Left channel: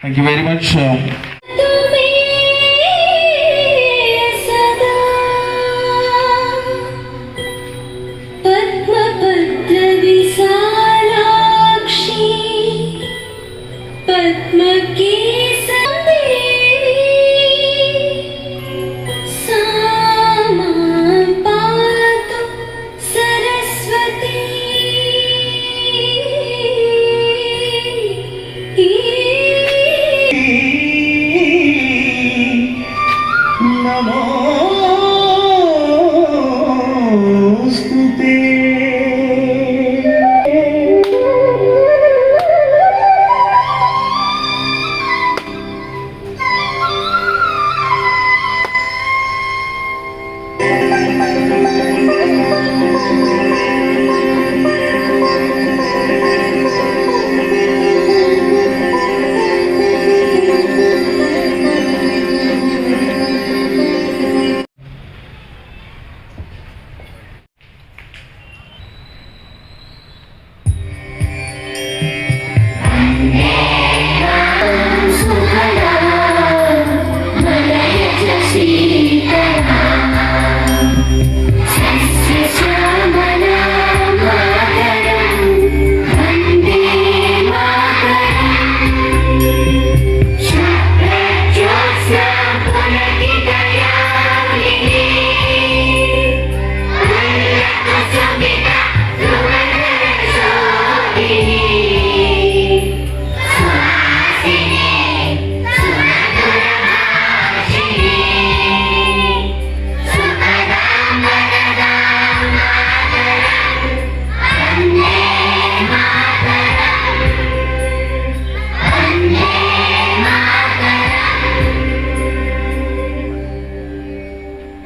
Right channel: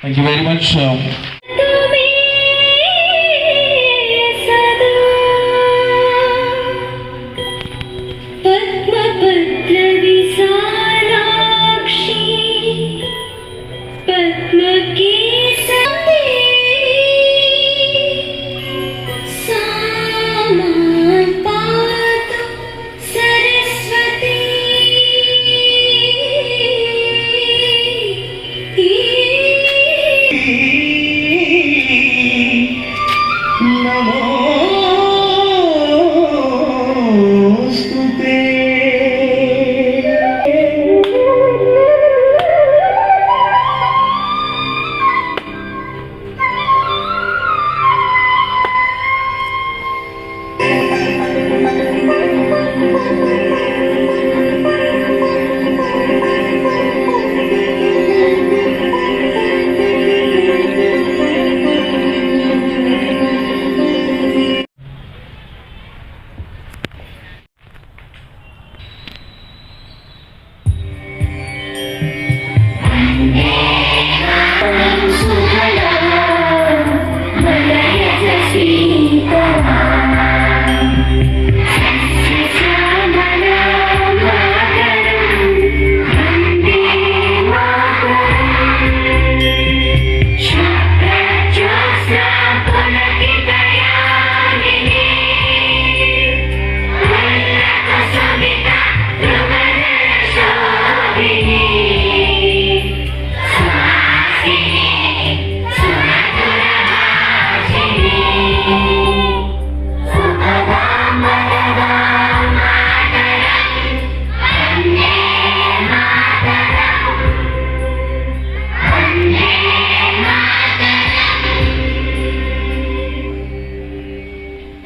Thank you very much.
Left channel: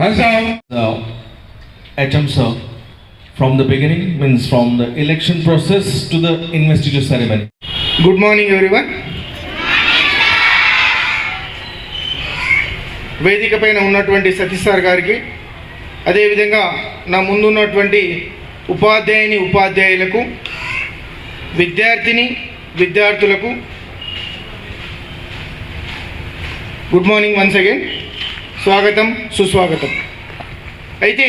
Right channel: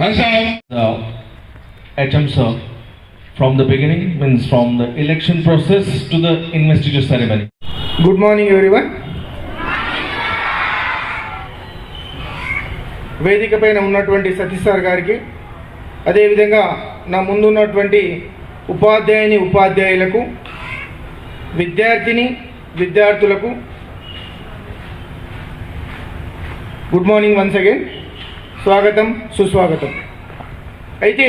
Hands down. The attempts from the beginning, means from the election process to the investiture ceremony. Good morning everyone. వేదిక పైన ఉన్నటువంటి సతీష్ సార్ గారికి, అదేవిధంగా నా ముందున్నటువంటి ఉపాధ్యాయులకు, విద్యార్థులకు గుడ్ మార్నింగ్ వన్స్ అగైన్, స్వాగతం సుస్వాగతం. అయితే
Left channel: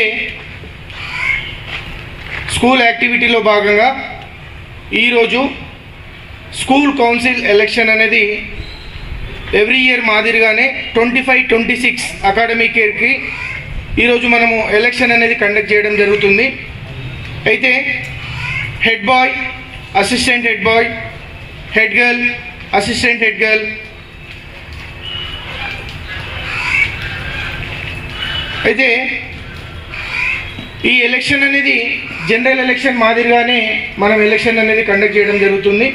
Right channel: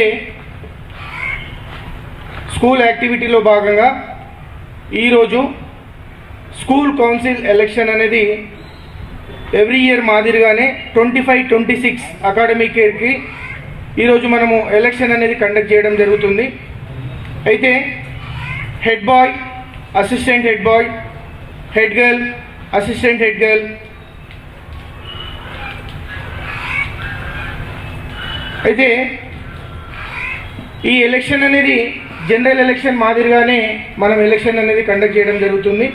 స్కూల్ యాక్టివిటీలో భాగంగా ఈరోజు స్కూల్ కౌన్సిల్ ఎలక్షన్ అనేది ఎవ్రీ ఇయర్ మాదిరిగానే 25-26 అకాడమిక్ ఇయర్కి ఈరోజు మనము ఎలక్షన్ అనేది కండక్ట్ చేయడం జరుగుతుంది. అయితే head boy, assistant head boy, head girl, assistant head girl, అయితే ఈ ఎలక్షన్ అనేది జనరల్ ఎలక్షన్ మాదిరిగానే మనం ఎలక్షన్ అనేది కండక్ట్ చేయడం జరుగుతుంది.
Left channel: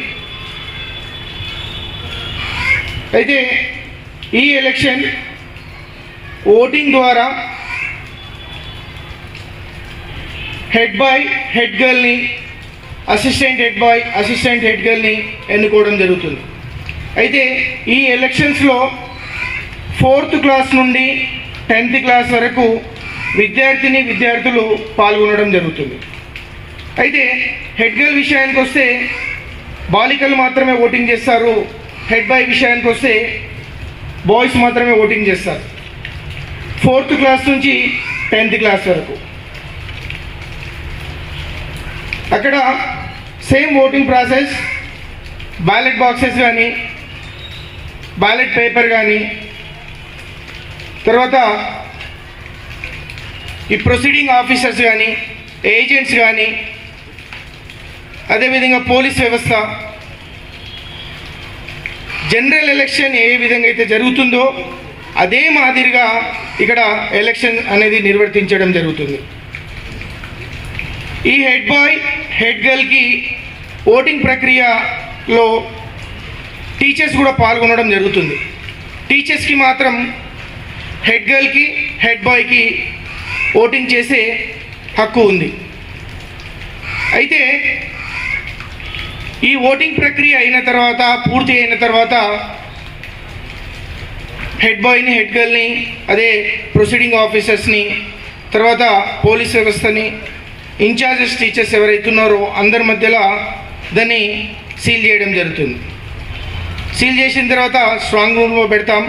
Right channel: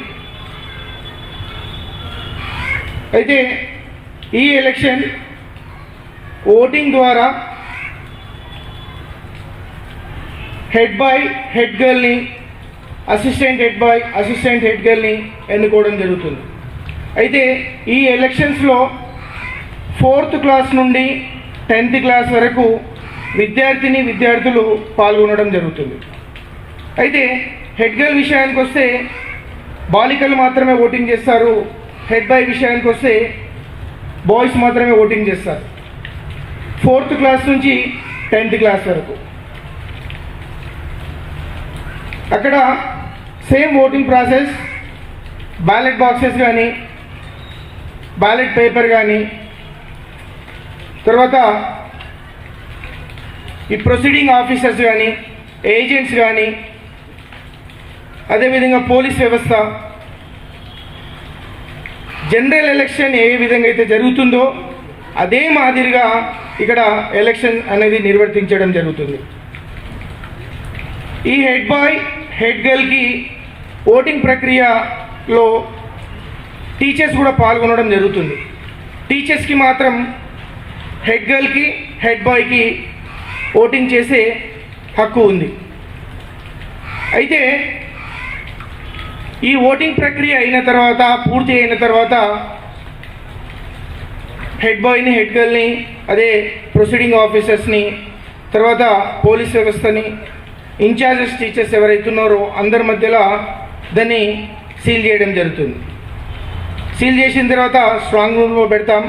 అయితే ఈ ఎలక్షన్ ఓటింగ్ ద్వారా హెడ్ బాయ్, హెడ్ గర్ల్ని, assistant head boy, assistant head గర్ల్ని ఎన్నుకోవడం జరుగుతుంది. అయితే ఈ ఎలక్షన్స్లో 4th క్లాస్ నుండి 10th క్లాస్ వరకు విద్యార్థులు పాల్గొనడం జరుగుతుంది. అయితే హెడ్ గర్ల్ విషయానికి వస్తే బాలికలు మాత్రమే ఓటింగ్ చేస్తారు. హెడ్ బాయ్ విషయానికి వస్తే బాయ్స్ మాత్రమే ఓటింగ్ చేస్తారు. 4th క్లాస్ నుంచి 10th క్లాస్ వరకు అక్కడ same voting process, ballot boxes కానీ, బ్యాలెట్ పేపర్ కానీ, తర్వాత ఈ ప్రొసీడింగ్ ఆఫీసర్స్ కానీ, ఏజెంట్స్ కానీ, అదేవిధంగా పోలీస్ వ్యవస్థ, జనరల్ ఎలక్షన్ ఏ విధంగా అయితే జరుగుతుందో అదే మాదిరిగా ఇక్కడ ఎలక్షన్ అనేది నిర్వర్తించడం జరుగుతుంది. ఈ హెడ్ బాయ్, హెడ్ గర్ల్కి ఓటింగ్ ప్రక్రియలో టీచర్స్ కూడా పాల్గొనడం జరుగుతుంది. టీచర్స్కి మాత్రం హెడ్ గర్ల్కి, హెడ్ బాయ్కి ఓటింగ్ చేసే హక్కు ఉంది. అయితే ఈ ఓటింగ్ ప్రక్రియ పూర్తి అయిన తర్వాత హెడ్ బాయ్ని, హెడ్ గర్ల్ని, అదే ప్రొసీడింగ్ ఆఫీసర్స్ని, తర్వాత పోలీస్ వ్యవస్థని, ఇన్ఛార్జెస్ టీచర్స్ ఎవరైతే ఉన్నారో అందరి మధ్యలో దాన్ని సీల్ చేయడం జరుగుతుంది. సీల్ చేసిన తర్వాత స్ట్రాంగ్ రూమ్లో పెడతాం.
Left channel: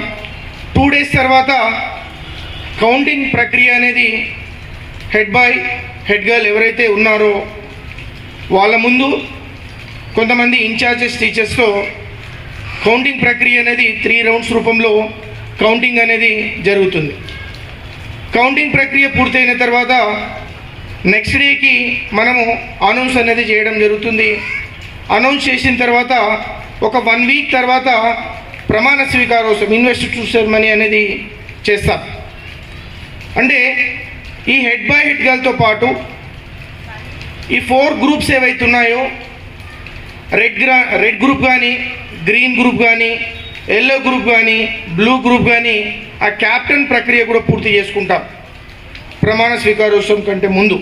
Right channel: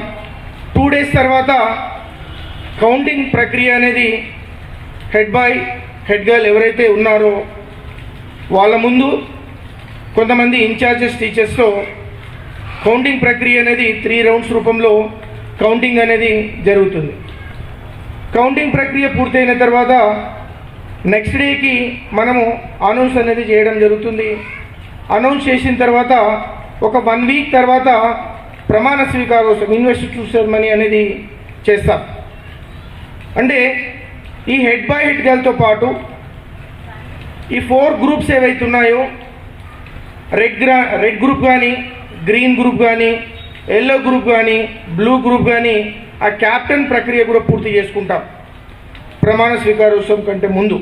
2 days తర్వాత కౌంటింగ్ ప్రక్రియ అనేది హెడ్ బాయ్ హెడ్ గర్ల్ ఎవరైతే ఉన్నారో వాళ్ళ ముందు కొంతమంది ఇన్ఛార్జెస్ టీచర్స్తో కౌంటింగ్ ప్రక్రియ అనేది 3 rounds రూపంలో కౌంటింగ్ అనేది జరుగుతుంది. కౌంటింగ్ ప్రక్రియ పూర్తయిన తర్వాత నెక్స్ట్ డేకి మనము అనౌన్స్ అనేది చేయడం జరుగుతుంది. అనౌన్స్ చేసిన తర్వాత ఒక 1 week తర్వాత ప్రమాణ స్వీకారోత్సవం ఇన్వెస్టిట్యూట్ సెరమనీ అనేది చేస్తాం. అంటే ఈ హెడ్ బాయ్ హెడ్ గర్ల్తో పాటు ఈ 4 groups ఏవైతే ఉన్నాయో రెడ్ గ్రూప్ కానీ, గ్రీన్ గ్రూప్ కానీ, ఎల్లో గ్రూప్ కానీ, బ్లూ గ్రూప్ కానీ ఆ క్యాప్టెన్ ప్రక్రియ కూడా పూర్తి చేసుకుంటాం ప్రమాణ స్వీకారోత్సవం కంటే ముందు.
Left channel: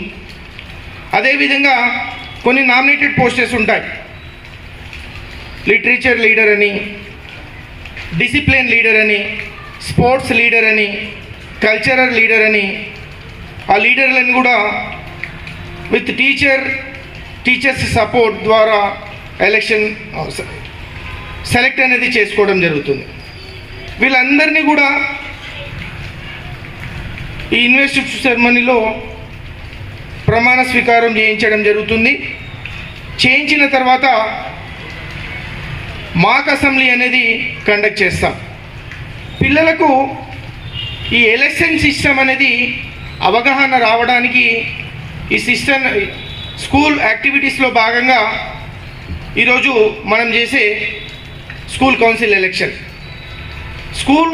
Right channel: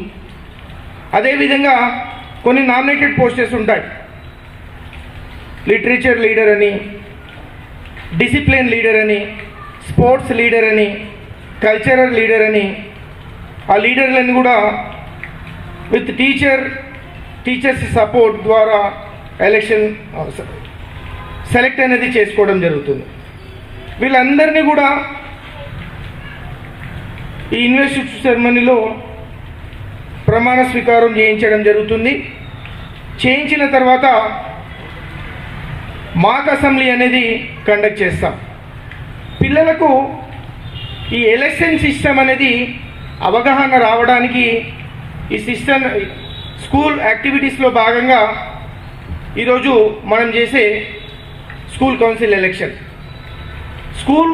అదేవిధంగా కొన్ని నామినేటెడ్ పోస్టెస్ ఉంటాయి. లిటరేచర్ లీడర్ అని, డిసిప్లిన్ లీడర్ అని, స్పోర్ట్స్ లీడర్ అని, కల్చరల్ లీడర్ అని, ఆ లీడర్లను కూడా విత్ టీచర్స్ సపోర్ట్ ద్వారా ఎలక్షన్ సెలెక్ట్ అనేది చేసుకోవడం జరుగుతుంది. వీళ్ళందరినీ కూడా ఈ ఇన్వెస్టిట్యూట్ సెరమనీలో ప్రమాణ స్వీకారం చేయించడం జరుగుతుంది. చేయించిన తర్వాత మాక్ అసెంబ్లీ అనేది కండక్ట్ చేస్తాం. పిల్లలకు ఈ ఎలక్షన్ సిస్టమ్ అనేది అవగాహన రావడానికి ఈ సిస్టమ్ స్కూల్ యాక్టివిటీస్లో భాగంగా ఈరోజు మనం చేసే school council election. School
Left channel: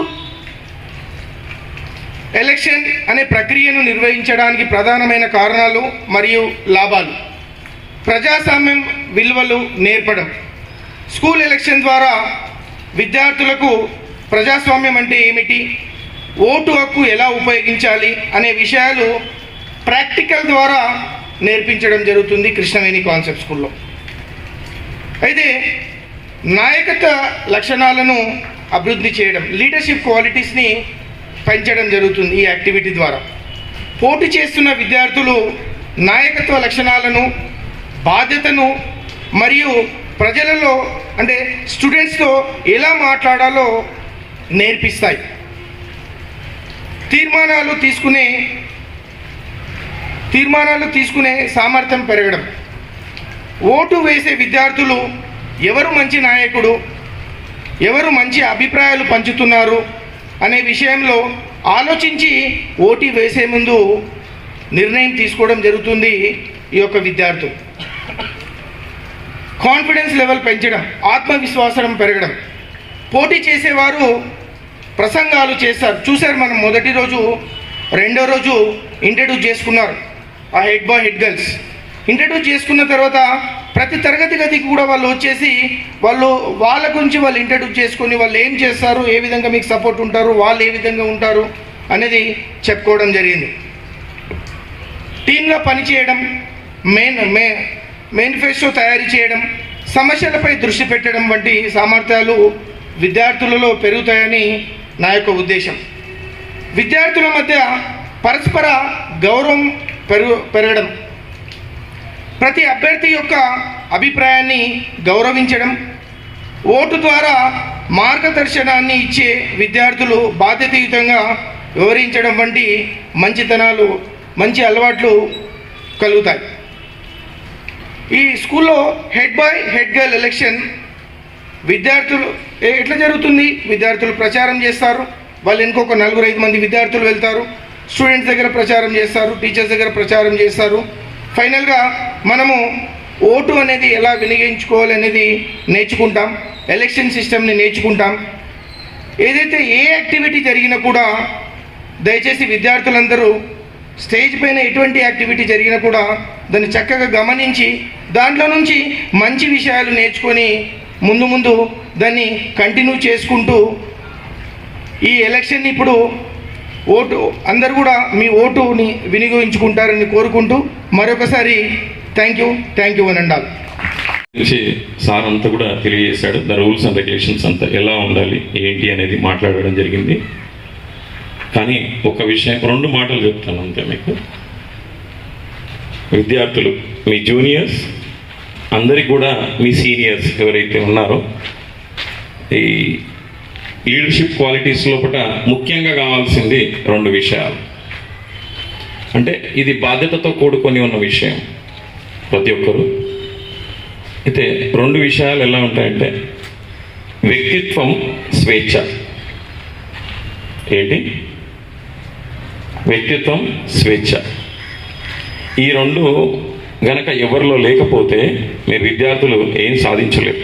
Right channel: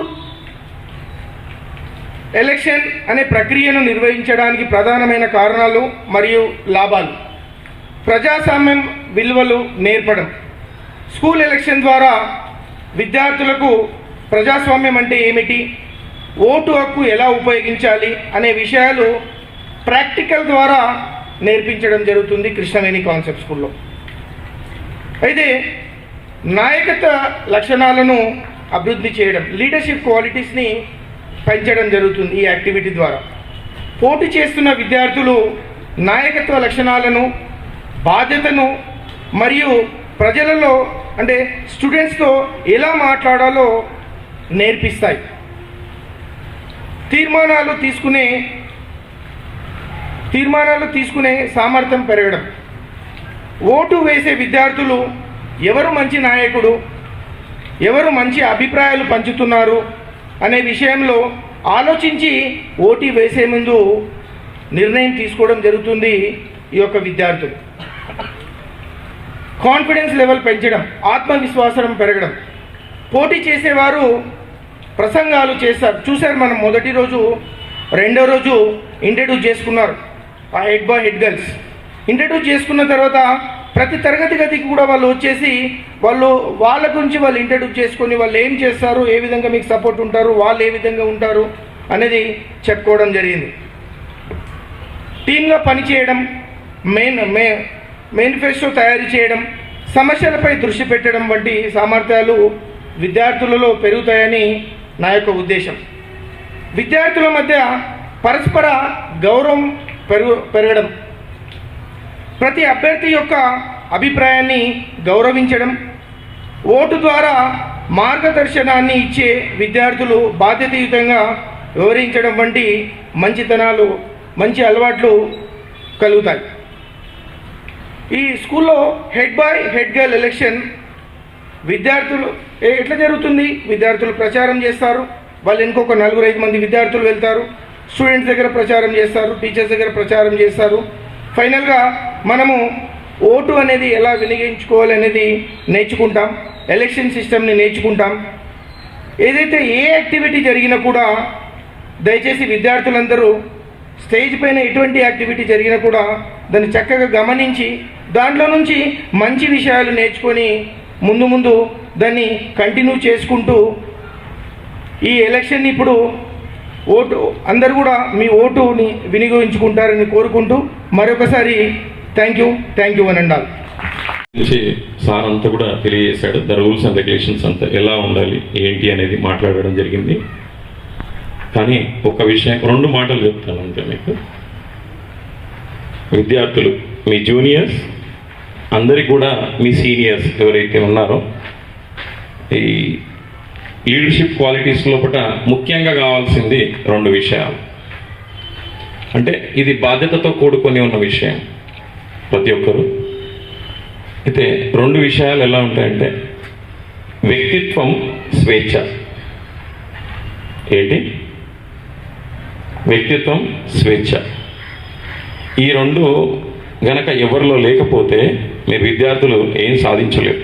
election అనే ప్రక్రియను నిర్వహించడానికి ప్రధానమైన కారణాలు మరియు లాభాలు: ప్రజాస్వామ్యం విలువలు నేర్పడం. స్కూల్ ఎలక్షన్ ద్వారా విద్యార్థులకు ప్రజాస్వామ్యం అంటే ఏమిటి, ఓటు హక్కు ఎలా ఉపయోగించాలి అనే విషయాలు ప్రాక్టికల్ ద్వారా నేర్పించడం జరుగుతుంది కృష్ణవేణి కాన్సెప్ట్ స్కూల్లో. అయితే నాయకత్వ లక్షణాలను అభివృద్ధి చేయడం, లీడర్షిప్ క్వాలిటీస్ని పెంచడం జరుగుతుంది ఈ యాక్టివిటీ ద్వారా. పోటీ చేస్తున్న విద్యార్థులు నాయకత్వ లక్షణాలను, బాధ్యతను మరియు ప్రజలలో అంటే స్టూడెంట్స్తో ఎలా మాట్లాడాలో నేర్పిస్తాయి. తీర్మానాలు తీసుకునే సామర్థ్యం పెరగడం. ఓటు వేసే విద్యార్థులు ఎవరు మంచి నాయకుడు, ఎవరు మంచి అభిప్రాయాలు పంచుతున్నారు అనే విషయంలో ఆలోచించి ఓటు వేసే ముందు నిర్ణయం తీసుకోవడం జరుగుతుంది ఈ యొక్క విద్యార్థులు. కాన్ఫిడెన్స్ లెవెల్ పెంచడం, ఆత్మవిశ్వాసం పెరగడం. పోటీ చేసేవారు ప్రసంగాలు చూశారు మనం మొదటి రోజు, రెండో రోజు ఇంట్రడ్యూస్ చేసుకున్నారు ఆ head boy head girls. Introduce చేసుకున్న తర్వాత ప్రతి తరగతి గదికి కూడా వాళ్ళు వచ్చేసి వాళ్ళ గురించి వాళ్ళు ఇంట్రడ్యూస్ చేసుకొని వాళ్ళు ఏం చేస్తారు, ఏ విధంగా మీకు సపోర్ట్ ఉంటారు, వాళ్ళు ఏ విధంగా ఉంటారు అనేది చెప్పుకోవడం జరిగింది. టీమ్గా పనిచేయడం, మేనిఫెస్టో తయారు చేయడం, సమస్యలపై దృష్టి పెట్టడం వంటి సామర్థ్యాలు విద్యార్థులలో పెరుగుతాయని నా యొక్క ఉద్దేశం. విద్యార్థుల మధ్య పరస్పర గౌరవం పెరగడం, ప్రతి అభ్యర్థి యొక్క అభిప్రాయాన్ని గౌరవించడం, ఓటు ద్వారా మార్గదర్శనాన్ని ఇచ్చే విద్యార్థులు బాధ్యతాయుతంగా వివరించడం వంటి మంచి అలవాట్లు కలుగుతాయి. ఈ స్కూల్లో head boy head girl election విద్యార్థులు ఎట్లా జరుగుతుంది? విద్యార్థులు ప్రచారం చేస్తారు, వాళ్ళు ఇంకొక 4-5 మంది విద్యార్థులు వెళ్తారు, స్టూడెంట్స్ దగ్గర ప్రచారం చేస్తారు, టీచర్స్ దగ్గర ప్రచారం చేస్తారు. ఫైనల్గా మనము ఓటు అనేది ఎలా వినియోగించుకోవాలనేది నేర్చుకుంటాం, ఎలక్షన్ సిస్టమ్ని నేర్చుకుంటాం. ఏదైతే ఏ యాక్టివిటీ జరిగినా కూడా దయచేసి విద్యార్థులందరూ స్టేజ్ పైన ఎటువంటి యాక్టివిటీ జరిగినా కూడా దాన్ని చక్కగా గమనించి దాంట్లో నుంచి మంచి విషయాలు నేర్చుకొని ముందు దాన్ని కంటిన్యూ చేసుకుంటూ ఈ ఎలక్షన్ ఇప్పుడు అందరు కూడా మీ ఓటుని వినియోగించుకుంటారని కోరుకుంటూ మరొకసారి థ్యాంక్ యూ అని అన్నారు. సార్ అంతా కూడా తెలియజేశాడు. ద రూల్స్ అండ్ రెగ్యులేషన్స్ అంతా ఎలా ఉండాలి ఏంటి అనేది మాట్లాడడం జరిగింది. కానీ ఒక విషయం 2 మాటలు చెప్తాను అంతే మీకు. విద్యార్థులు, మీ జూనియర్స్ అందరికి కూడా మీ సీనియర్స్ ఎవరైతే ఉన్నారో ఈ లీడర్షిప్ క్వాలిటీస్ లోపల ముఖ్యంగా కావాల్సింది 2 విషయాలు. అంటే ఇది బాధ్యతతో కూడుకొని ఉన్న విషయం ప్రతి ఒక్కరు. అయితే 2 విషయాలు ఎలా ఉంటాయంటే వ్యక్తిత్వం, స్వేచ్ఛ. ఏంటి? వ్యక్తిత్వం, స్వేచ్ఛ. ఈ 2 గనక ఎవరిలో లేకపోతే మీరు విద్యార్థులు ఏం సాధించలేరు.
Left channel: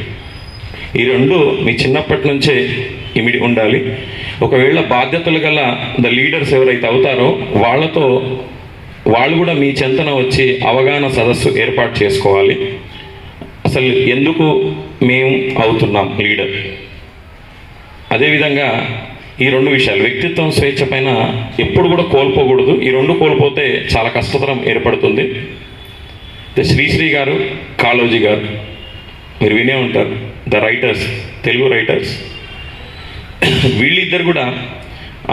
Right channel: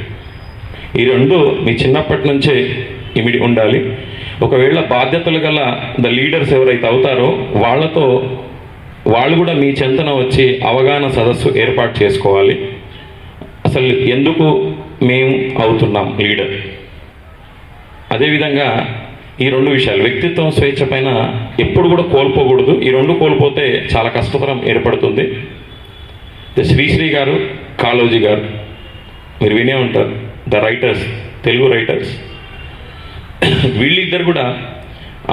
ఈ 2 మీ చిన్నప్పటి నుంచే ఇమిడి ఉండాలి. ఒకవేళ బాధ్యతలు గల లీడర్స్ ఎవరైతే అవుతారో వాళ్ళు కూడా మీ చెంతన వచ్చి అవగాహన సదస్సు ఏర్పాటు చేసుకోవాలి. అసలు ఎందుకు మేము అవుతున్నాం లీడర్. అదేవిధంగా ఈ 2 విషయాలు వ్యక్తిత్వం, స్వేచ్ఛ పైన ఎప్పుడు కూడా కోల్పోకూడదు. ఈ 2 కోల్పోతే చాలా కష్టతరం ఏర్పడుతుంది. శ్రీశ్రీ గారు, కాళోజీ గారు మీరు వినే ఉంటారు, ద రైటర్స్, తెలుగు రైటర్స్. వీళ్ళిద్దరు కూడా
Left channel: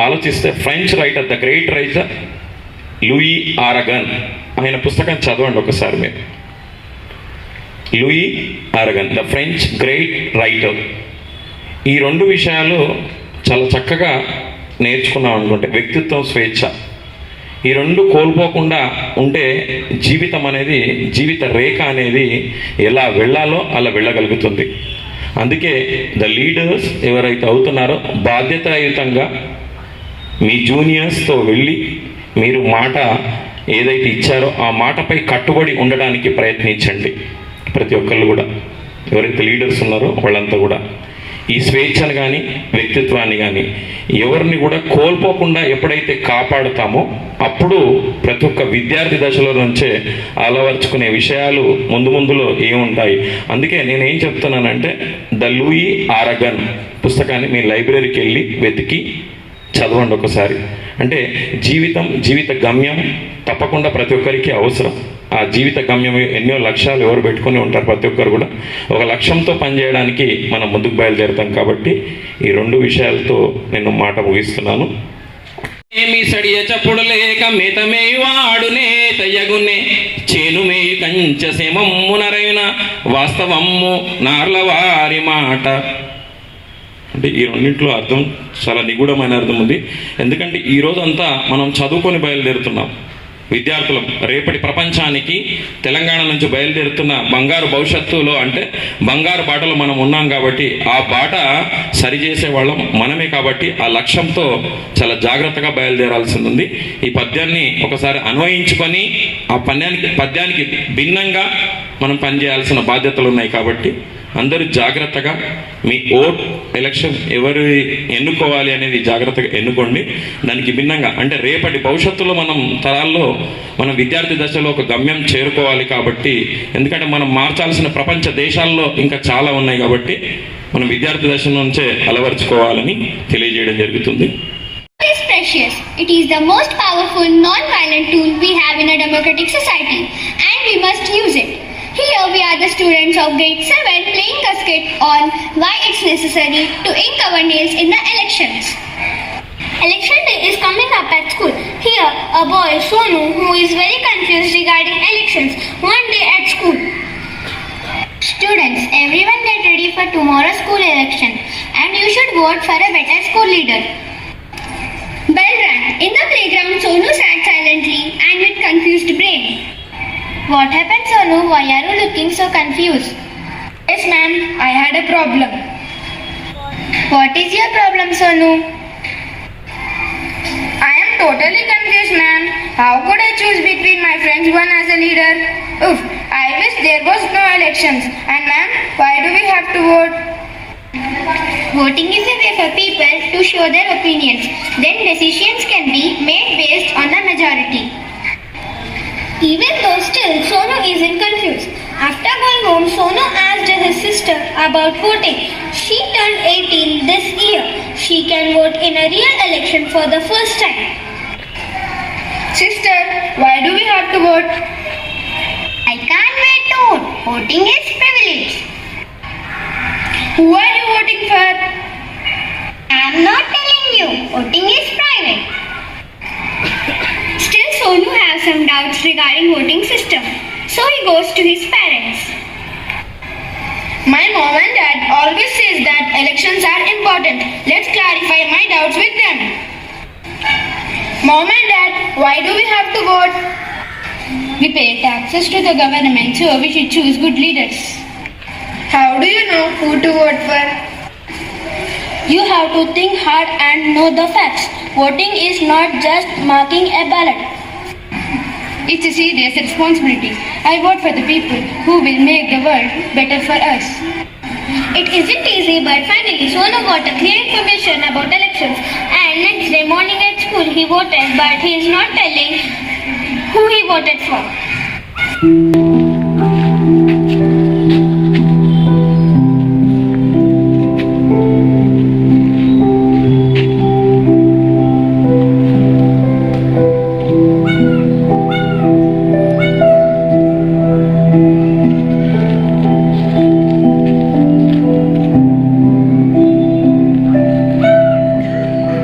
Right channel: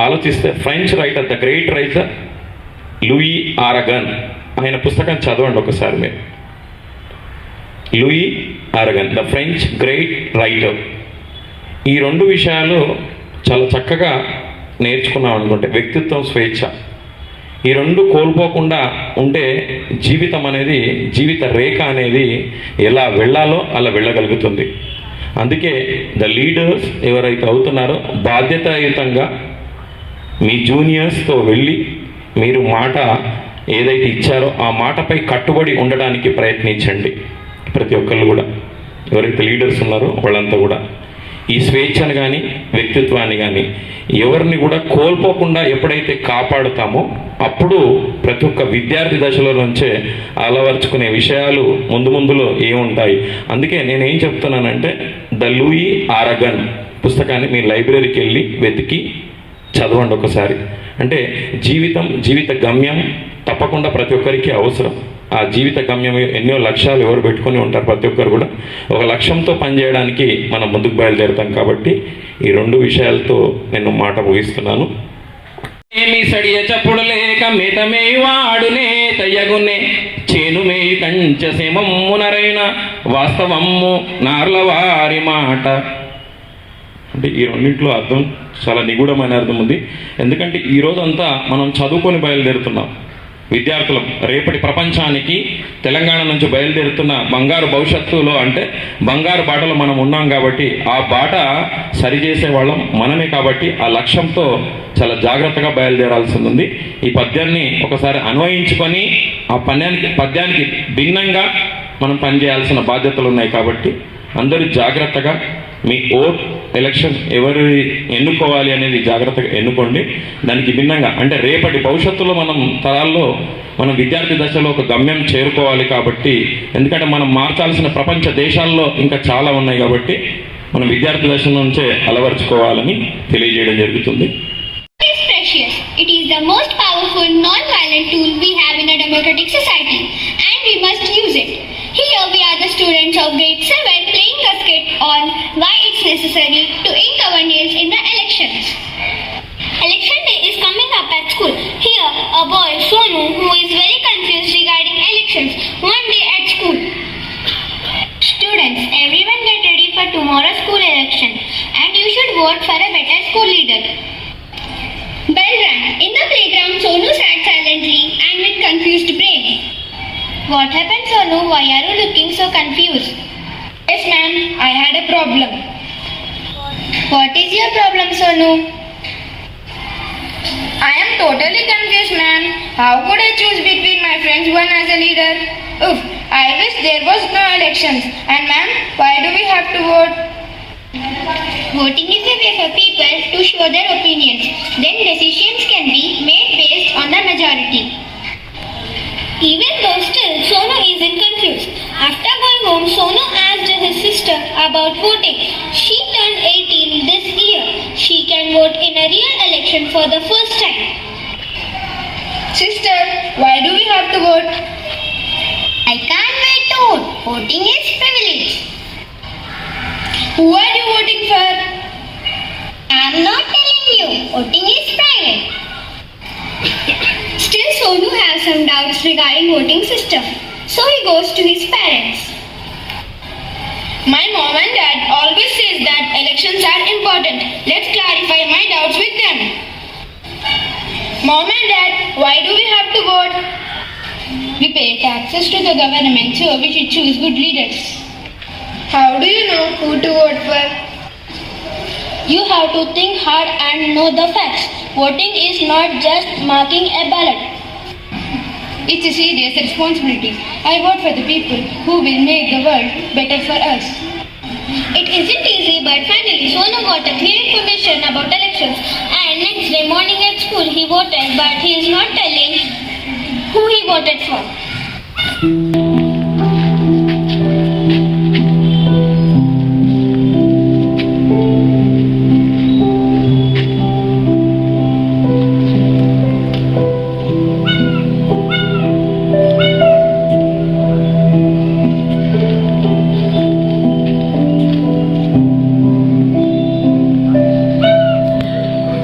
ఆలోచిస్తే French writer, the great writer Louis Aragon, ఆయన పుస్తకం చదవండి ఒకసారి మీరు. Louis Aragon, the French great writer. ఈ 2 విషయాలు చాలా చక్కగా నేర్చుకున్నాం అనుకుంటే వ్యక్తిత్వం, స్వేచ్ఛ. ఈ 2 కోల్పోకుండా ఉంటే జీవితం అనేది, జీవిత రేఖ అనేది ఎలా వెళ్ళాలో అలా వెళ్ళగలుగుతుంది. అందుకే ద లీడర్స్ ఎవరైతే అవుతున్నారో బాధ్యతాయుతంగా మీ జూనియర్స్తో వెళ్ళి మీరు మాట ఏదైతే ఇచ్చారో ఆ మాటపై కట్టుబడి ఉండడానికి ప్రయత్నించండి. ప్రతి ఒక్కళ్ళు కూడా ఎవరైతే లీడర్స్ ఉన్నారో వాళ్ళంతా కూడా ఈ స్వేచ్ఛను కానీ వ్యక్తిత్వాన్ని కానీ ఎవరిని కూడా కోల్పోకుండా ఎప్పుడైతే కాపాడుతామో అప్పుడు ప్రతి ఒక్క విద్యార్థి దశలో నుంచే అలవర్చుకునే విషయాలు ముందులో ఏముంటాయి. అందుకే నేనేం చెప్తున్నానంటే ద లూయి ఆరగన్ పుస్తకాన్ని మీ లైబ్రరీకి వెళ్ళి వెతికి చదవండి ఒకసారి. అంటే జీవిత గమ్యం తప్పకుండా ప్రతి ఒక్కరికి అవసరం. ఆ జీవిత గమ్యం ఎన్నో లక్ష్యాలు ఎవరు పెట్టుకొని ఉంటారు. ప్రతి ఒక్కరు కూడా ఒక లక్ష్యంతో పనిచేయడానికి మనం ముందుకు బయలుదేరుతాం. కాబట్టి ఈ 2 విషయాలతో నేను మాట ముగిస్తున్నాను. ఏమి సడియ చప్పుడు లేక మితమేయి వాడునే తయ్యగునే చేను మేయి కంచ సేమమ్మునరైన వాస్తవమ్ము నార్ల వారి మాట. అంటే ఈ 2 అర్థం చాలా నిగూఢమైన అర్థం ఉంది. ఎందుకంటే ఈ రోజంతా మనం చదువుకొని బయలుదేరుతున్నాం. విద్యార్థులం రేపటి ప్రపంచానికి తెలంగాణ నుంచి బయలుదేరుతున్న బంగారు భవిష్యత్తులో, అంటే బంగారు బాటలో మనం ఉన్నాం. కాబట్టి ఆ బాట సరిచేసే వాళ్ళం మనమే. కాబట్టి ఆ లక్ష్యంతో చాలా జాగ్రత్తగా బయలుదేరాల్సింది ఉంది. ఈ పద్యాన్ని ఒకసారి అన్వయించుకొని ఆ పద్యానికి భిన్నంగా మనం పనిచేయాల్సిన బాధ్యతలు ఉన్నాయి. కాబట్టి అందరూ జాగ్రత్తగా మీ ఓట్ ఎలక్షన్ ఎవరు ఎన్నుకోవాలి అనేది జాగ్రత్తగా ఎన్నుకోండి. దానికి భిన్నంగా అంటే రేపటి భవిష్యత్తులో మనం తరాల్లో మనం విద్యార్థి దశలో ఒక గమ్యం చేరుకోవాలి. కాబట్టి ఎందుకంటే మనం మార్చాల్సిన ప్రపంచ దేశాల్లో ఇంకా చాలా ఉన్నాయి. కాబట్టి మనం విద్యార్థి దశ నుంచే అలవర్చుకోవాలని తెలియజేయడం జరుగుతుంది. It is precious. It is the most powerful non-violent tool we have in a democratic society, and we must use it. Here we are the students of grade 7 playing a skit on why it's necessary to ink our nails in the elections. Election day is coming up at school. Here a boy, Sonu, who is very confused regarding elections, one day at school. Students, everyone get ready for tomorrow's school election, and you should vote for a better school leader. Bell rang. In the playground, Sonu sat silently and with confused brain. What happened, Sonu? Why are you looking so confused? Yes, ma'am. I had a problem. What is your problem, Sonu? I am totally confused, ma'am. How could I choose between my friends one as a leader? Oof, I wish there was no elections. And ma'am, why do we have to vote? Voting is a way for people to show their opinions. Then decisions can be made based on the majority. Even though still Sonu isn't confused. After going home, Sonu asked his sister about voting. She turned 18 this year. She can vote in a real election for the first time. Sister, why do we have to vote? I can't wait to vote. Voting is privilege. Who are you voting for? I'm not telling you. Voting is private. Still, Sonu has some doubts regarding voting system. So he goes to his parents. My mom and dad always says that elections are important. Let's clarify my doubts with them. Mom and Dad, why do we have to vote? We pay taxes to the government, so we should choose good leaders. How do you know who to vote for? You have to think hard and know the facts. Voting is not just marking a ballot. It's a serious responsibility. I vote for the people who will make the world better for us. It isn't easy, but finally Sonu got a clear information about elections. And next day morning at school he voted, but he is not telling who he voted for.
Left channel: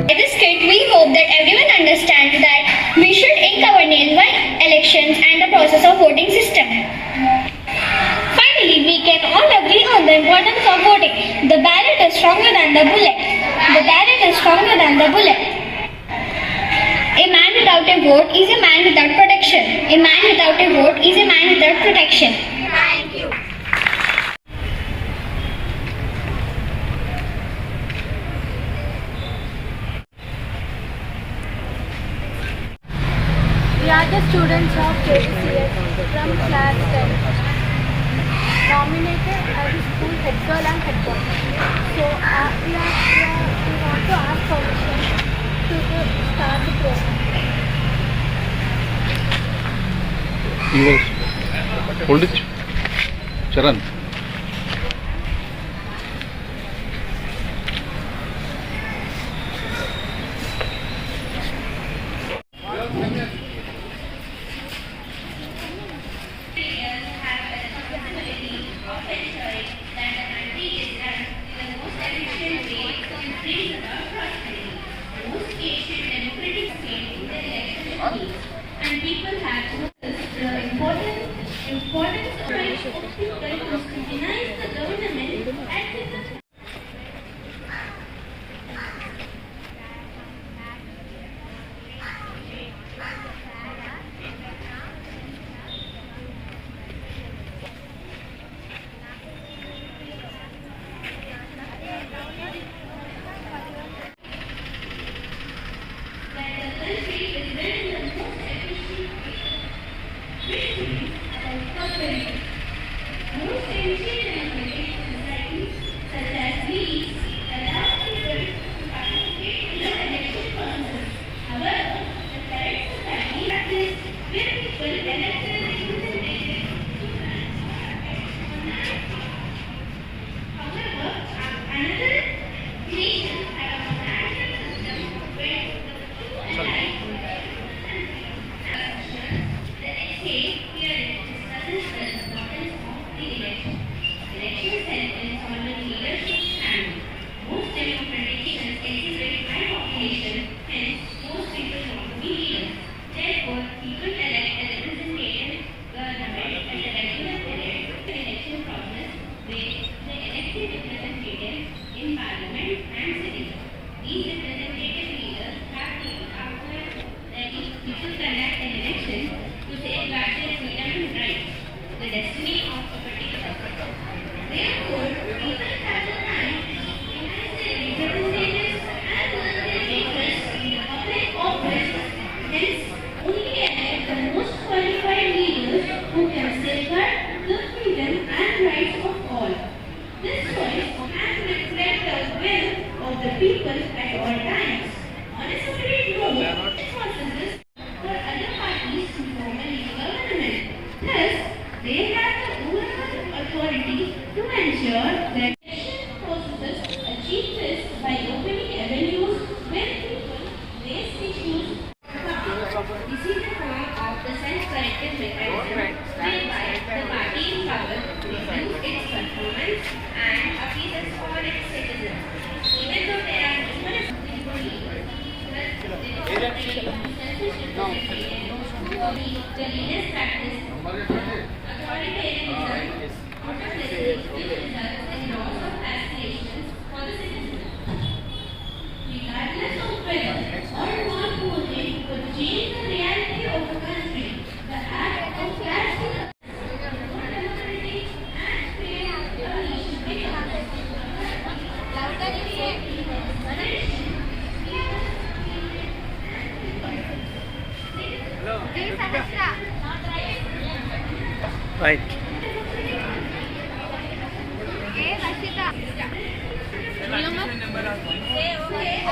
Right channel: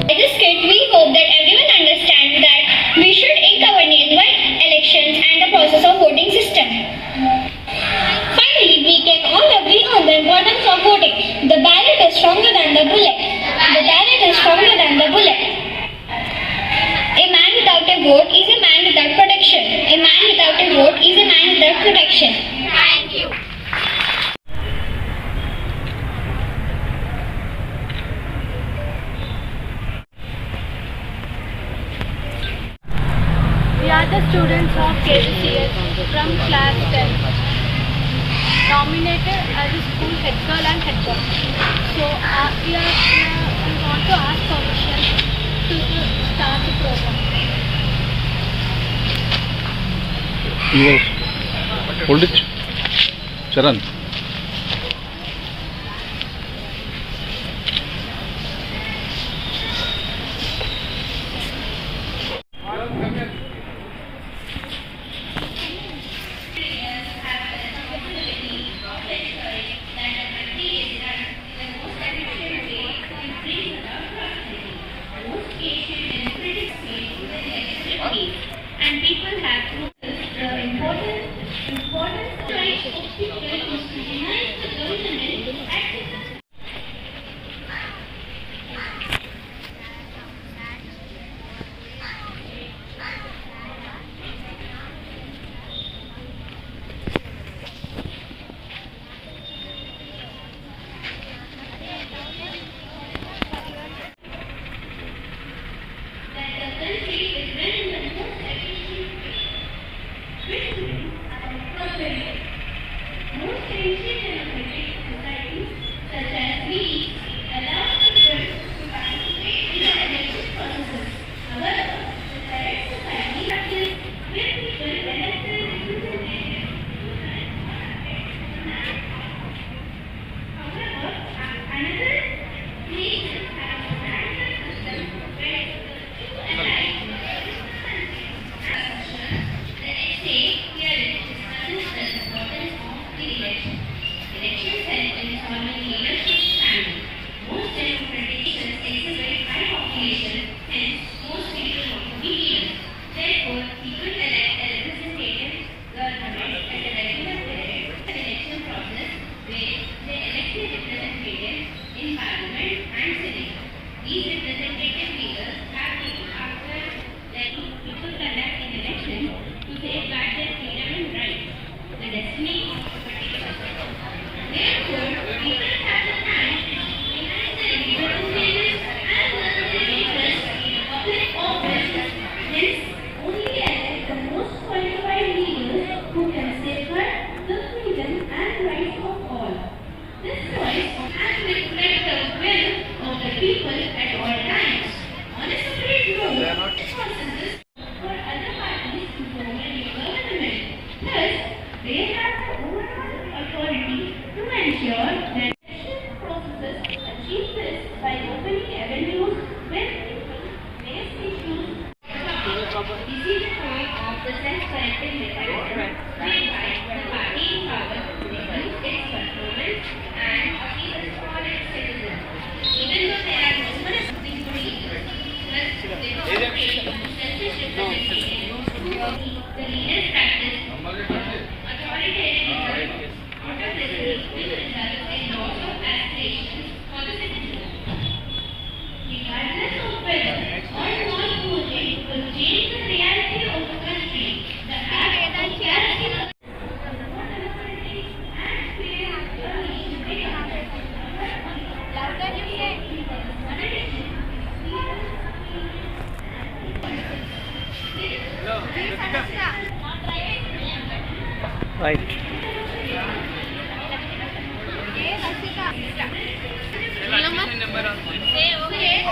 At this state, we hope that everyone understands that we should inconvenience by elections and the process of voting system. Finally, we can all agree on the importance of voting. The ballot is stronger than the bullet. The ballot is stronger than the bullet. A man without a vote is a man without protection. A man without a vote is a man without protection. Thank you. We are the students of KVCS from class 10, nominated as a school head girl and head boy. So we want to ask permission to start the program. Hold it. Charan. And people have noticed the importance of right of people to scrutinize the government at the Right.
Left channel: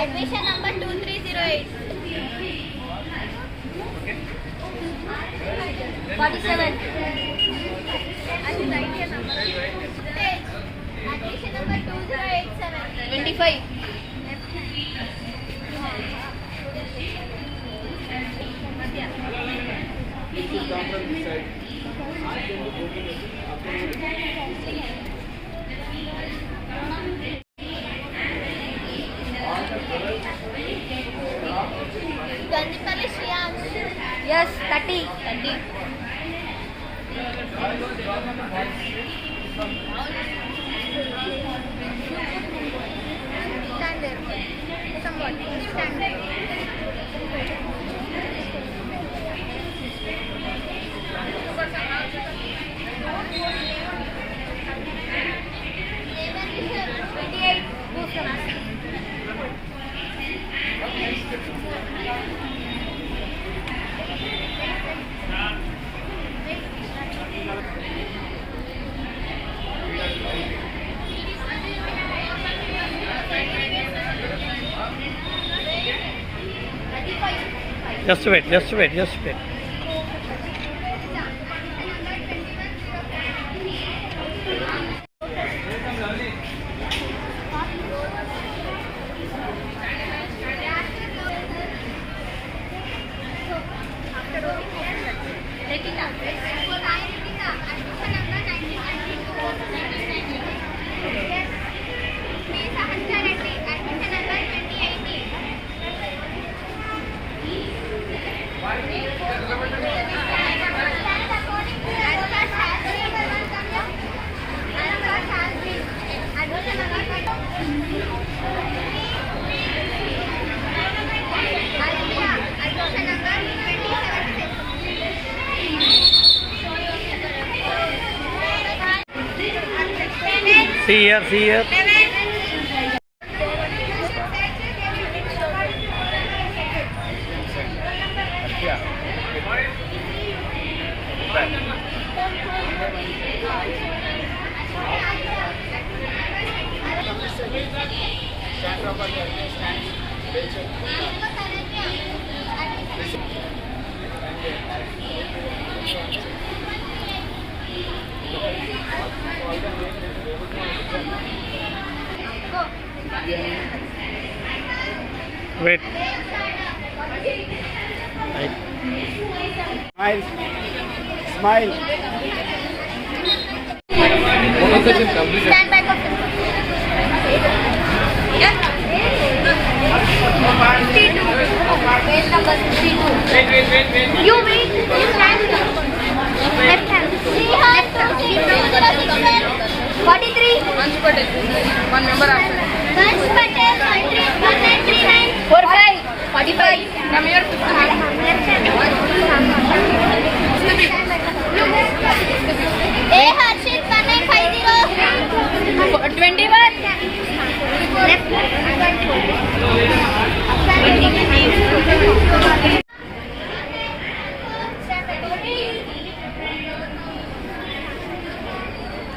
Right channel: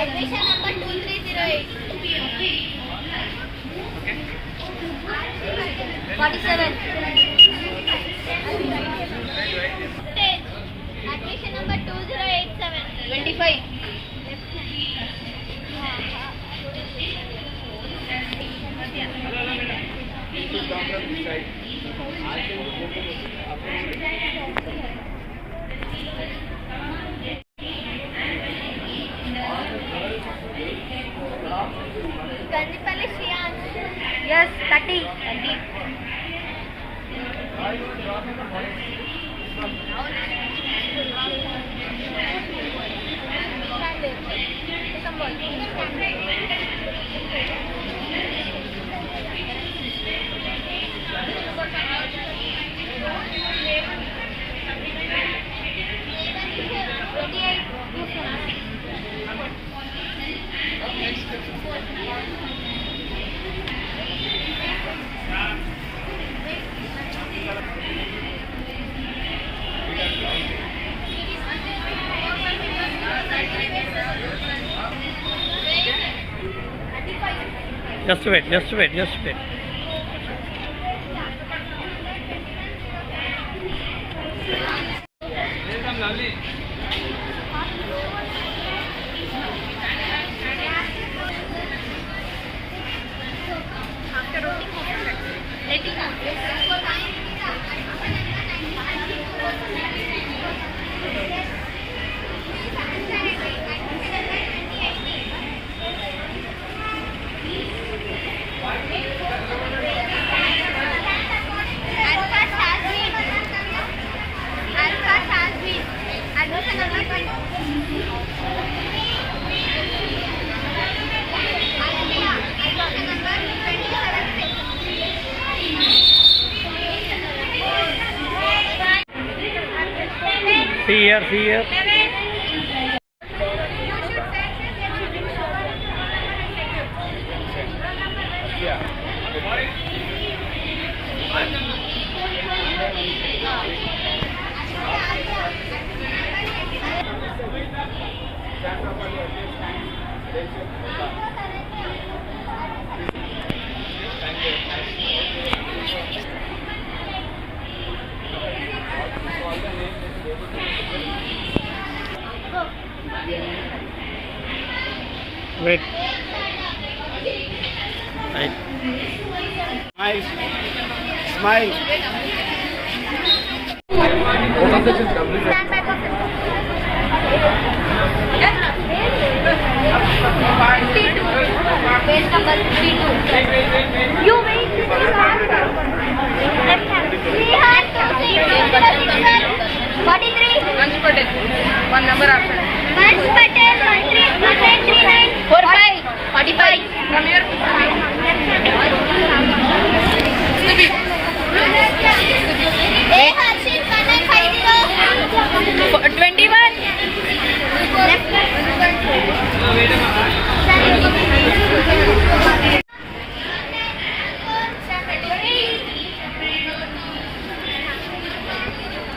Admission number 2308. 47. Admission number 2087. 25. Gandipalli Shriyans. Yes, 30. Just wait. See here. Wait. Right. Smile. Stand back of them. Page number 52. You wait. Left hand. 43. 1 number after. Vansh Patel 1939. 45. A Harshit 1950. 21.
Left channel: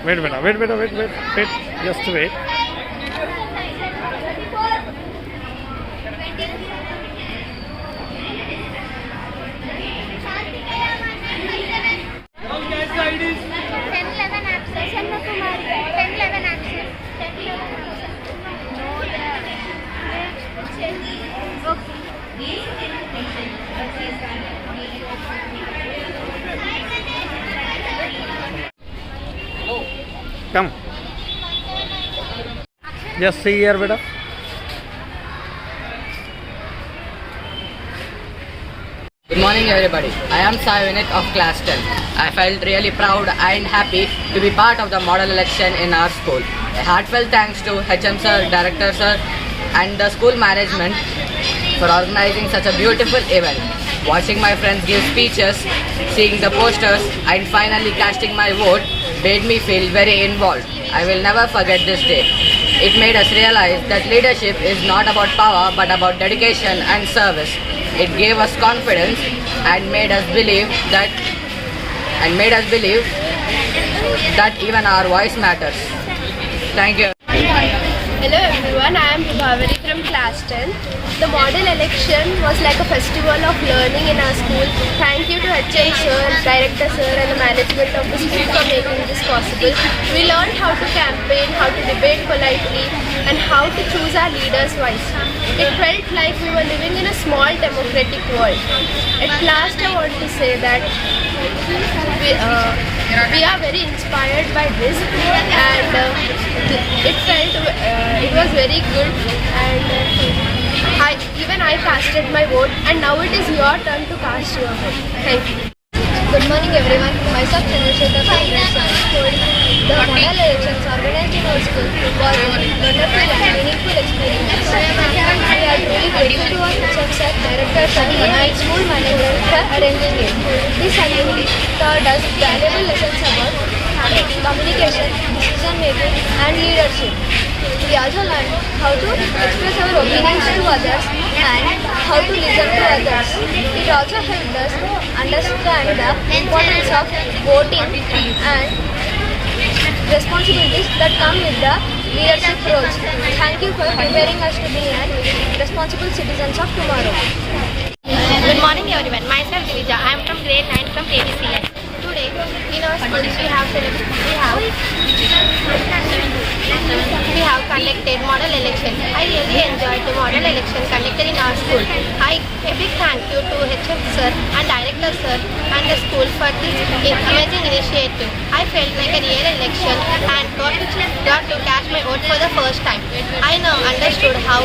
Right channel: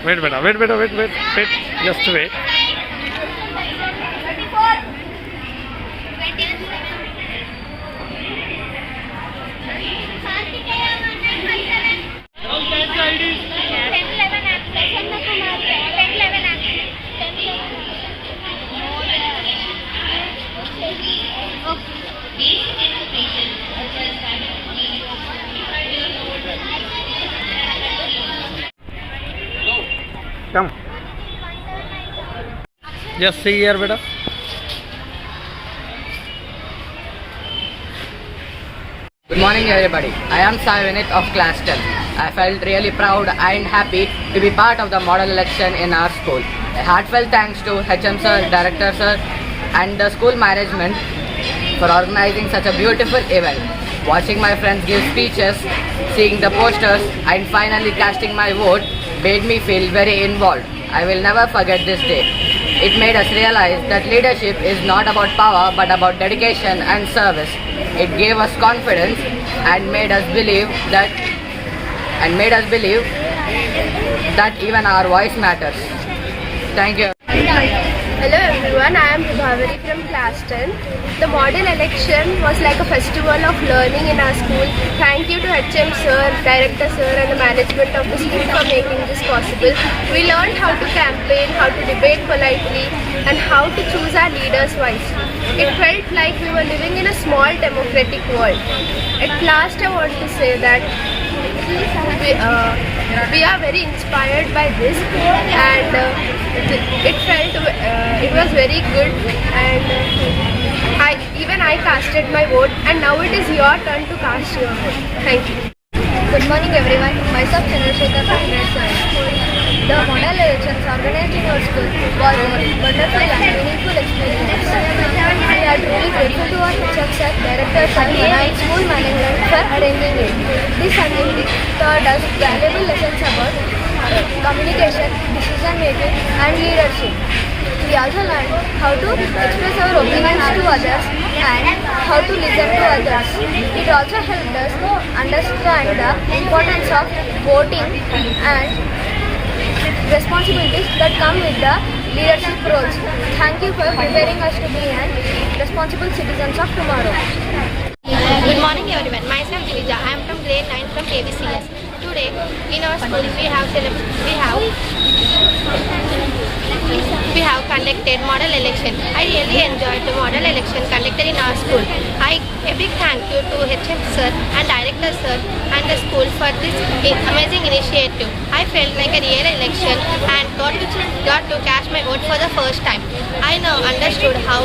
Wait. Just wait. Come. Just see here, beta. Good morning everybody. I am Sai Vinit of class 10. I felt really proud and happy to be part of the model election in our school. A heartfelt thanks to HM sir, director sir and the school management for organizing such a beautiful event. Watching my friends give speeches, seeing the posters and finally casting my vote made me feel very involved. I will never forget this day. It made us realize that leadership is not about power but about dedication and service. It gave us confidence and made us believe that even our voice matters. Thank you. Hello everyone, I am Prabhavari from class 10. The model election was like a festival of learning in our school. Thank you to HM sir, director sir and the management of the school for making this possible. We learned how to campaign, how to debate politely and how to choose our leaders wisely. It felt like we were living in a small democratic world. At last I want to say that we are very inspired by this and it was very good and I casted my vote and now it is your turn to cast your vote. Thank you. Good morning everyone. Myself Chandrasekhar from grade 7. The model elections organized in our school was a wonderful and meaningful experience. We are truly grateful to our HM sir, director sir and school management for arranging it. This assembly taught us valuable lessons about communication, decision making and leadership. We also learned how to express our opinions to others and how to listen to others. It also helped us understand the importance of voting and responsibilities that come with the leadership roles. Thank you for preparing us to be responsible citizens of tomorrow. Good morning everyone. Myself Divija. I am from grade 9 from KDCS. Today in our school we have conducted model election. I really enjoyed the model election conducted in our school. A big thank you to HM sir and director sir and the school for this amazing initiative. I felt like a real election and got to cast my vote for the first time. I now understood how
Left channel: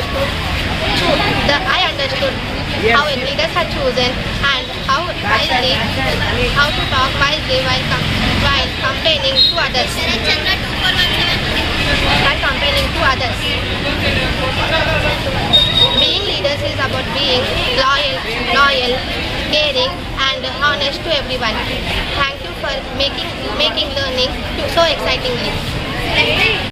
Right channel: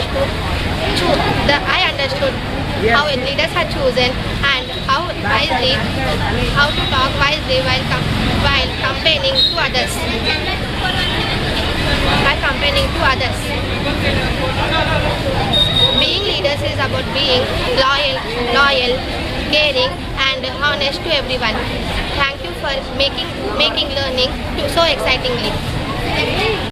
leaders are chosen and how to talk wisely while campaigning to others. Being leaders is about being loyal, caring and honest to everyone. Thank you for making learning so excitingly.